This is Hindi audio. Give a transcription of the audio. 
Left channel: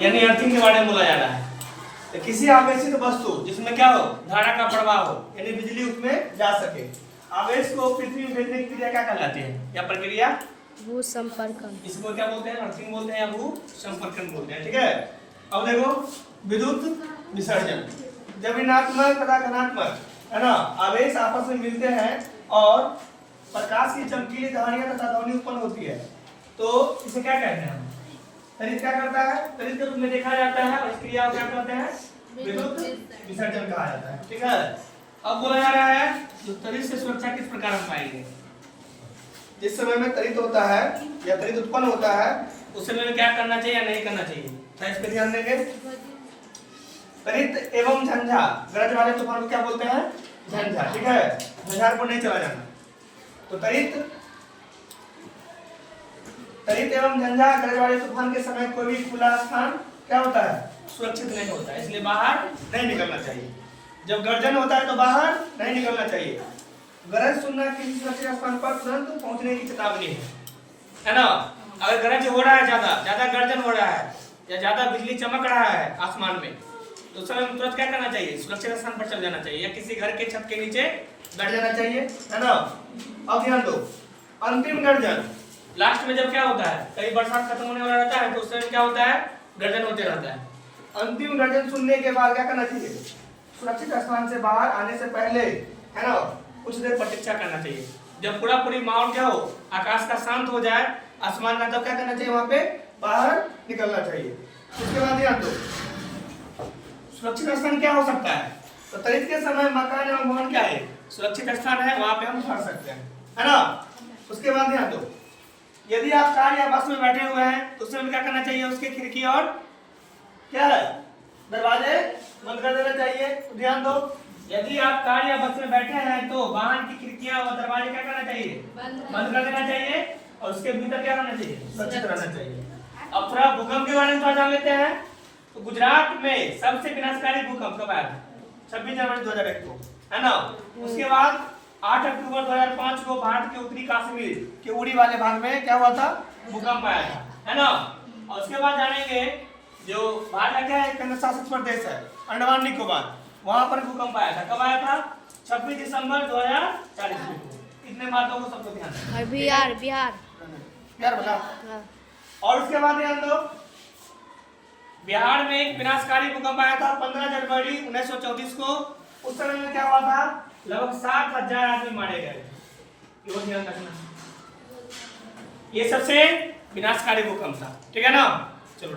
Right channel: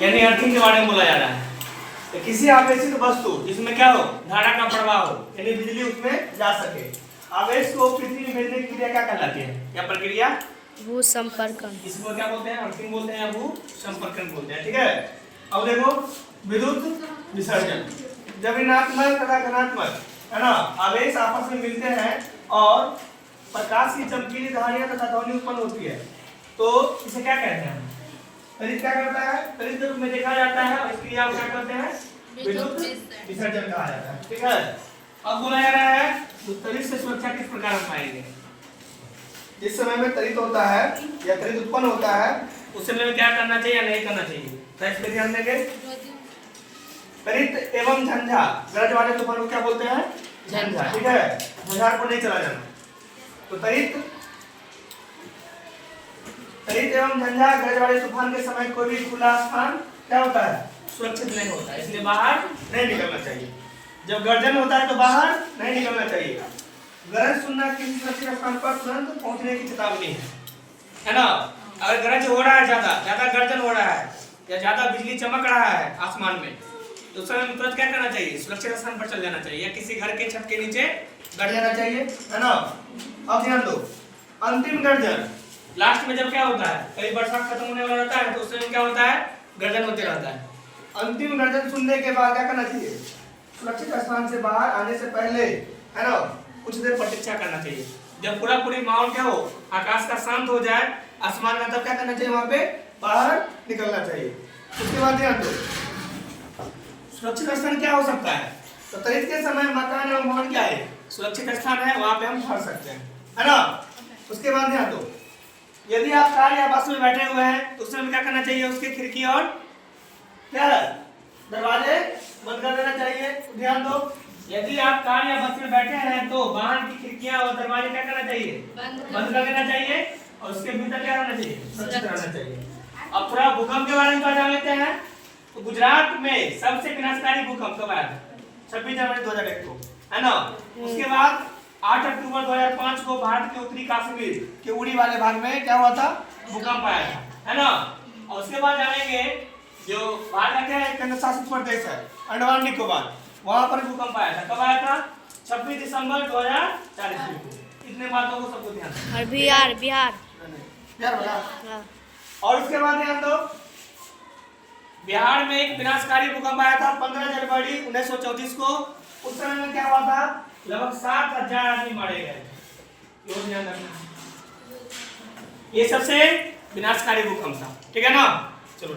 यानी अर्थिंग के बारे में बोला जा रहा है। तो किसी आवेशित वस्तु जिसमें क्या हो, धारा का प्रवाह हो, यानी बिजली उसमें जा सके, आवेश को पृथ्वी में भेजने की क्रिया क्या कहलाती है, क्या प्रक्रिया? भू संपर्कन। इसको क्या बोलते हैं? अर्थिंग बोलते हैं या भू संपर्कन बोलते हैं। ठीक है। अब देखो विद्युत विसर्जन, जब ऋणात्मक तथा धनात्मक है ना आवेश आपस में मिलते हैं और प्रकाश की चमकीली धारियां तथा ध्वनि उत्पन्न होती है, तो इसे क्या कहते हैं? तड़ित क्या करता है? तड़ित के रूप में देखा जाता है और इस क्रिया को क्या कहते हैं? विद्युत विसर्जन कहा जाता है। ठीक है। अब बोला जा रहा है तो तड़ित से सुरक्षा किस प्रकार हम पाएंगे? जिस समय में तड़ित होता है या तड़ित उत्पन्न होता है उस समय में क्या करना चाहिए या नहीं करना चाहिए, क्या इस पे ध्यान देंगे? तड़ित एवं झंझा, गरज वाले तूफान को क्या बोलते हैं? झंझा। ठीक है। झंझार को नहीं चला जाना। तो तड़ित एवं झंझा गरज वाले तूफान के समय कोई भी खुला स्थान क्या होता है? सुरक्षित नहीं होता, इसलिए बाहर नहीं निकलना चाहिए। जब गर्जन होता है तो बाहर नहीं निकलना चाहिए। गरज सुनना किसी सुरक्षित स्थान पर तुरंत पहुंचने की चेतावनी है ना। अगर गरज हो रहा है, ज्यादा गर्जन हो रहा है या ज्यादा बिजली चमक रहा है आसमान में, तो उस समय तुरंत क्या करना चाहिए? सुरक्षित स्थान पर चल जाना चाहिए या किसी घर के छत के नीचे बैठ जाना चाहिए, है ना। अब ध्यान दो, अंतिम गर्जन, लास्ट में जब क्या होता है, कई बरसात खत्म होने वाला रहता है तो उस समय क्या होता है? गर्जन होते रहता है। अंतिम गर्जन सुनने के बाद क्या करना चाहिए? सुरक्षित स्थान से बाहर आने से पहले, है ना, कुछ देर प्रतीक्षा करना चाहिए। जब पूरी माहौल क्या हो, आकाश का शांत हो जाए, आसमान का, तब क्या करना चाहिए? वहां पे बाहर निकलना चाहिए। उसके बाद ध्यान दो, सुरक्षित स्थान क्या हो सकता है? तो तड़ित के समय मकान एवं भवन क्या है? सुरक्षित स्थान है, वहां पे हम ठहर सकते हैं, है ना। उसके बाद ध्यान दो, यदि आप कार या बस में बैठे हुए हैं तो उस समय क्या करना चाहिए? उसके खिड़की और क्या है, दरवाजे बंद कर देना चाहिए। ध्यान दो, यदि आप कार या बस में बैठे हैं तो वाहन की खिड़कियां और दरवाजे क्या करना चाहिए? बंद कर देना चाहिए और उसके भीतर क्या रहना चाहिए? सुरक्षित रहना चाहिए। अब थोड़ा भूकंप के बारे में जान लेते हैं। तो गुजरात में सबसे विनाशकारी भूकंप कब आया था? 26 जनवरी 2001 को, है ना। उसके बाद 8 अक्टूबर 2005 को भारत के उत्तरी कश्मीर के उड़ी वाले भाग में क्या हुआ था? भूकंप आया था, है ना। और उसके बाद जानेंगे जो भारत का एक केंद्र शासित प्रदेश है अंडमान निकोबार, वहां पर भूकंप आया था। कब आया था? 26 दिसंबर 2004 को। इतने बातों को सबको ध्यान रखना। बिहार बता। हाँ। और उसके बाद ध्यान दो, बिहार में एक विनाशकारी भूकंप आया था 15 जनवरी 1934 को। उस समय में क्या हुआ था? लगभग 7,000 आदमी मारे गए। ये ध्यान रखना, ये सबसे विनाशकारी भूकंप था। ठीक है ना। चलो।